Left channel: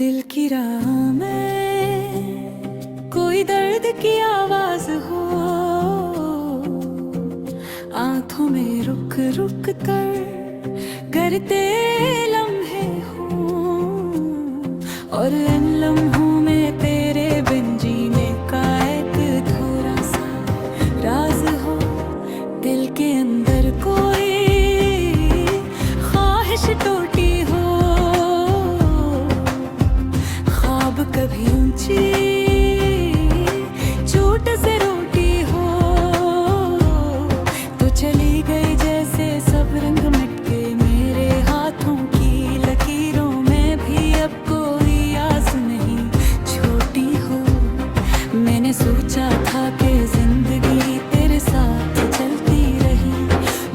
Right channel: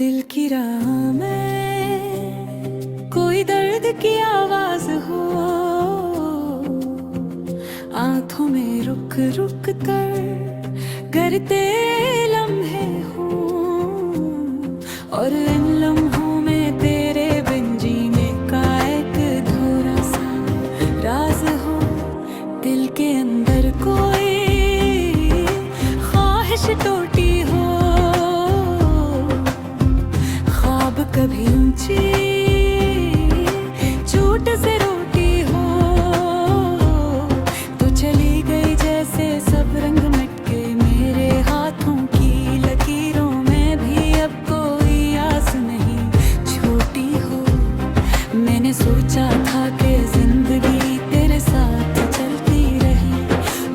दिल की राह में कोई दर्द की आवाज हो, आंखों में रुक रुक कर गरते लम्हे हो, और इन लम्हों में तेरे बिन जीने का एक थोड़ा सा राज हो। दिल के अंदर कोई ख्वाहिश टूटी हो, ख्वाब कभी ऊंची चोट से रोटी हो, तो चली गई जैसे सब रंग मिट के मेरे हाथों की लकीरों में भी अब कोई आस नहीं छोटी हो। मैंने सोचा था कि जिंदगी तेरे साथ चलती रही,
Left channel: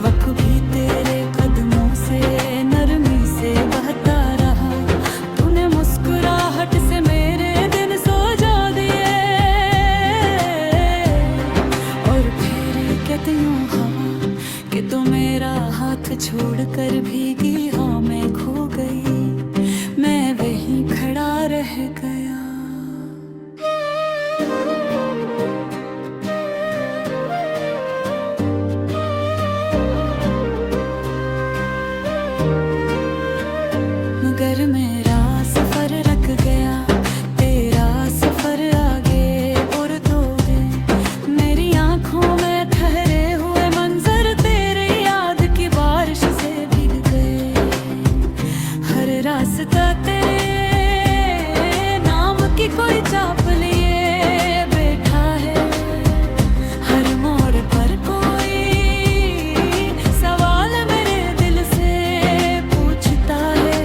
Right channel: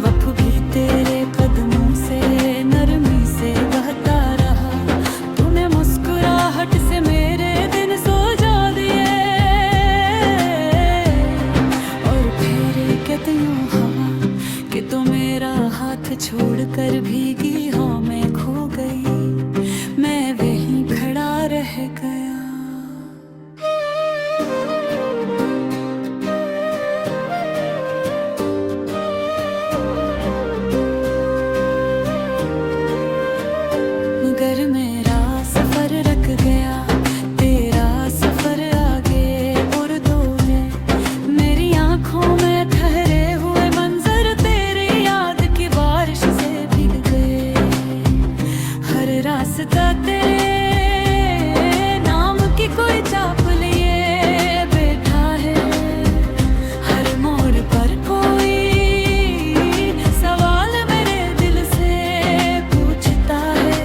वक्त भी तेरे कदमों से नरमी से बहता रहा, तूने मुस्कुराहट से मेरे दिन सजा दिए, और फेरे कहते यूं हवा कि तू मेरा हाथ छोड़कर भीगी हाँ मैं खो गई, मैं वहीं खड़ा रह गया। मगर मेरा सफर रख गया, तेरा सफर आगे और दोगे, मेरी आंखों में ठहरे हुए मंजर तेरे याद की बारिश से भीग गए, हर रास्ता तेरे नाम की कोई चाप लिए बैठा है, हर मोड़ पर कोई सवाल मेरे दिल से पूछता है,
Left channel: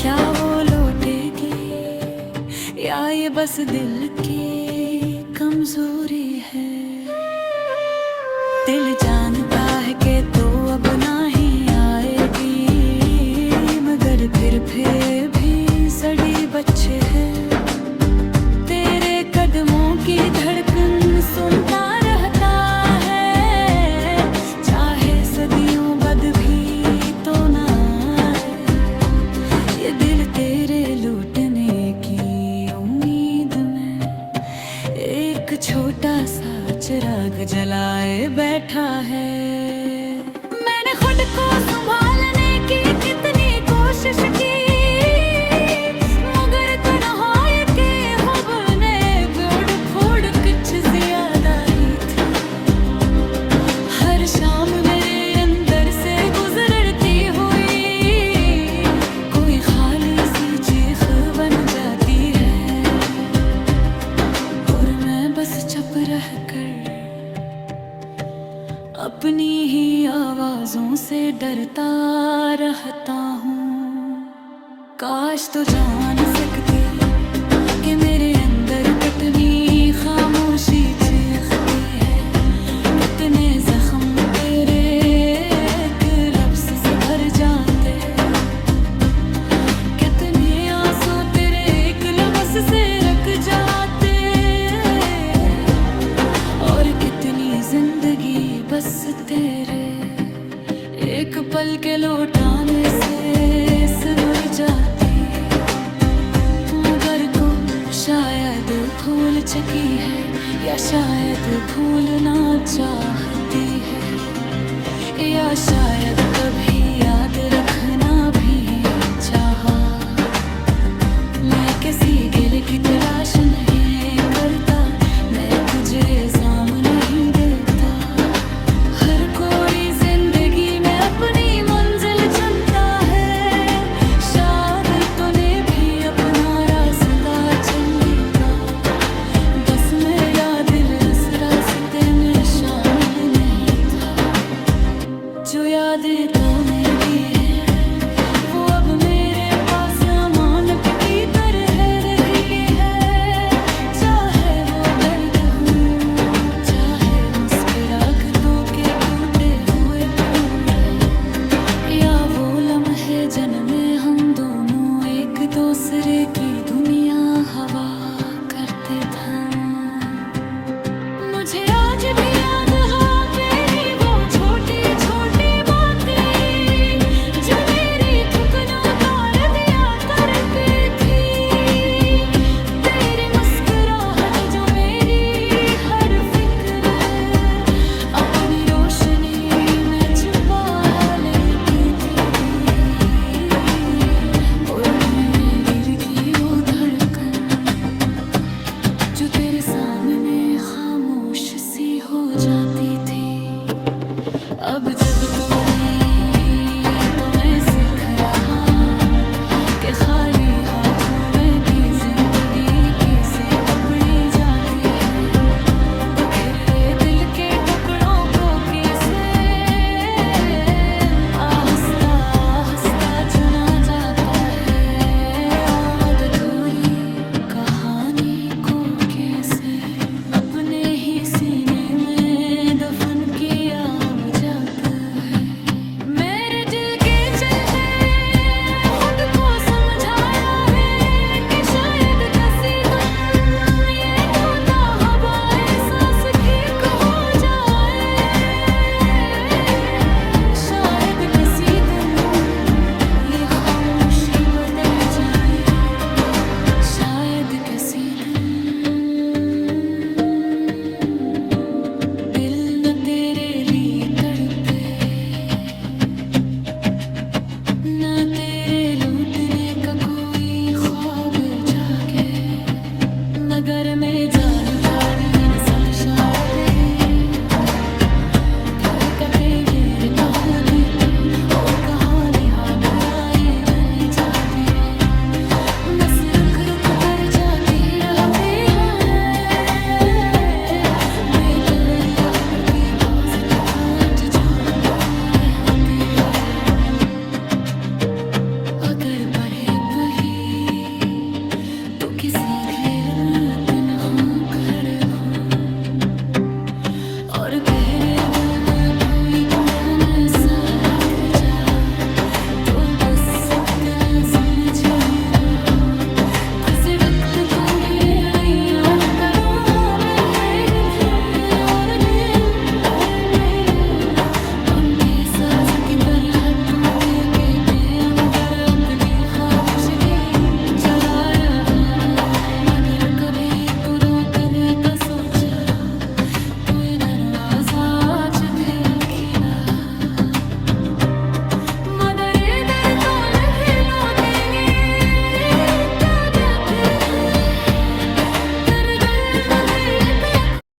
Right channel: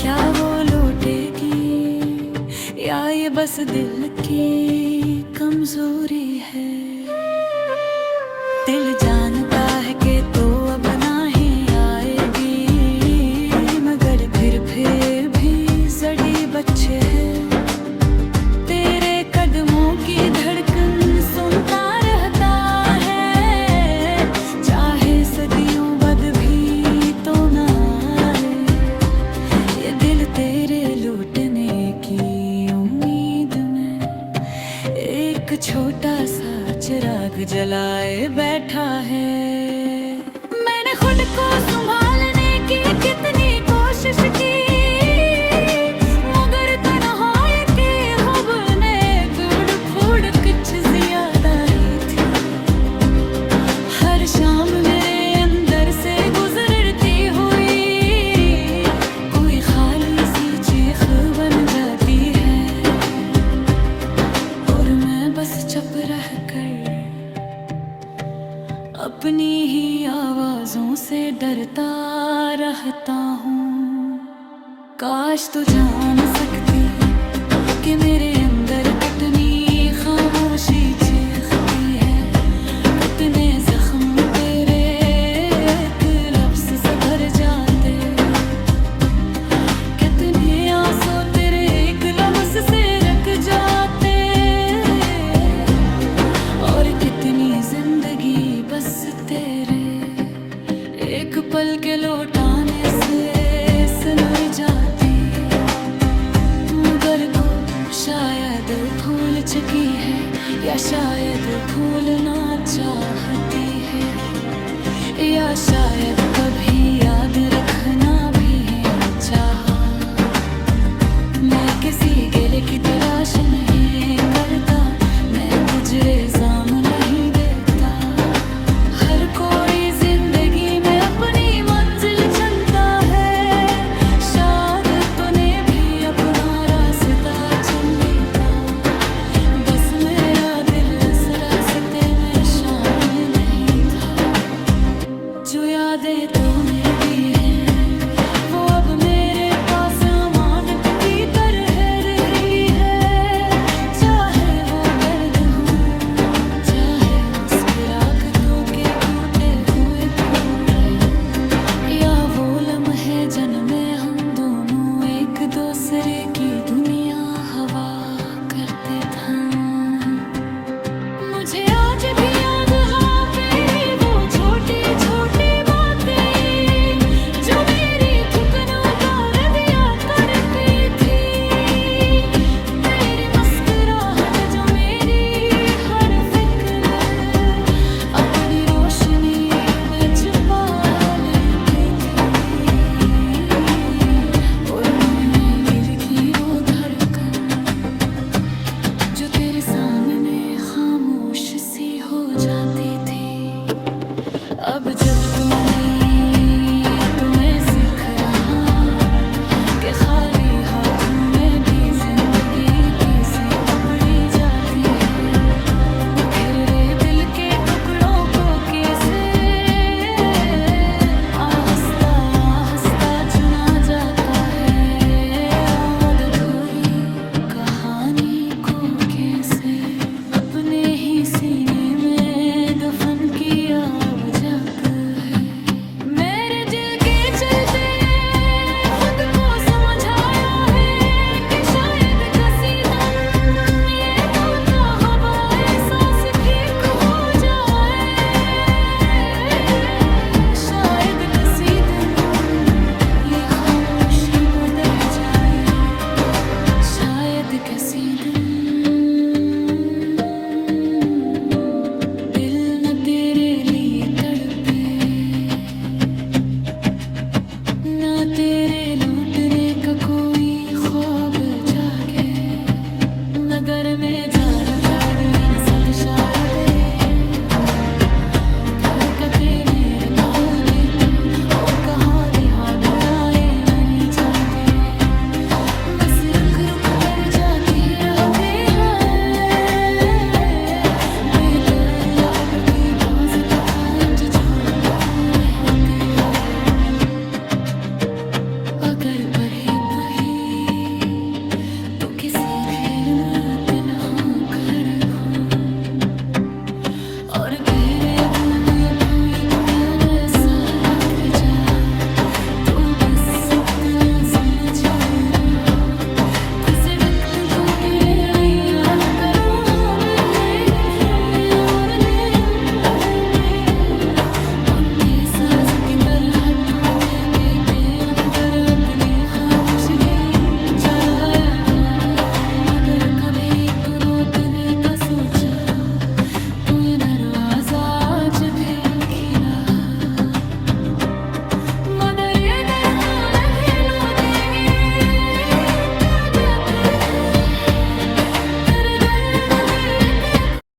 क्या वो लौटेगी या ये बस दिल की कमजोरी है। दिल जानता है कि तो अब नहीं आएगी, मगर फिर भी जड़ी बच्चे है, तेरे कदमों की धड़कन सुनता रहता है, चाहे सदियों बाद भी तो ना आए, ये दिल तेरे लौटने की उम्मीद में एक छोटा सा चिराग जलाए बैठा है। मैंने खुद को संभालने की कितनी कोशिश की, मगर तन्हाई के ख्वाब ने बिगड़ फूड़ कुछ ज्यादा ही थी, हर शाम मेरे अंदर से गुजरती हुई कोई खाली सी चीख बन जाती है, और मैं बस चुप रह कर अपनी ही आवाजों से डरता रहता हूँ। काश तो जान सकती कि मेरे अंदर कितनी खामोशी चीखती है, कितने जख्म तेरे एक लफ्ज से भर जाते, कितने आंसू तेरे एक लम्स से रख जाते, और कितनी जिंदगी बस तेरे एक पल के लौटाने से सुलझ जाती, मगर को शायद भूल चुकी है या शायद भूलना चाहती है, या शायद कभी याद रखना भी चाहा। मैं किसी गिले की तलाश नहीं करता, मैं तुझे इल्जाम नहीं देता, हर कोई जिंदगी में अपनी मंजिल चुनता है, शायद तूने भी अपना रास्ता चुने का, बस मेरा दिल इस रास्ते में शामिल नहीं था। जो यादें तूने दी हैं वो अब मेरे पास अमानत की तरह रही है, चाहे वो दर्द हो चाहे मुस्कुराहटों के टूटे हुए फूल, या वो लम्हे जिनमें हम दोनों एक दूसरे की दुनिया हवा करते थे। मुझे आज भी याद है तेरी वो छोटी छोटी बातें, जो मेरी थकन उतार दिया करती थी। सामने खामोश सी हो जाती थी। अब जब तू नहीं तो मैं सीख रहा कि खाली हाथों में भी जिंदगी किसे अपनी जाती है। वो घिरे दिल के टुकड़ों को किसे आहिस्ता आहिस्ता चुना जाता है। और अधूरी कहानी को कैसे अपने ही सीने में दफन किया अब जाता है। मेरे दिल के चलते खुद को समझाया है कि शायद कसी तुम ये तोता हवाए सांस ठीक हो जाए। शायद कसी दिन ये खामोशी बदल जाए। शायद किसी दिन दिल न तेरे लिए तड़पे, न तेरे लूटने का कोई ख्वाब जागे। नगर में जान तारीन सद शारदे कटे मेरे कहाँ देते और कहाँ लिहा दुराए नहीं जाते। बस रुक रुक कर जाती ही रहते हैं बेहतर या अपनी बाज तफांज छोड़ते रहते हैं। अगर पढ़ी पही तो किसी घेर में दिल हो खड़े हो और तेरे दिल में कोई काम ऐसा रख जा तो बस इतना समझ लो। खुद वक्त तो गिरे याद करो हम नए भी और नए उनके साज की तरह टूटे के हम घर अपनी खामोशी चराया है। मगर कभी तो रोकने का सोचा कोई दरवाजा आज भी खिला। मदर दर तो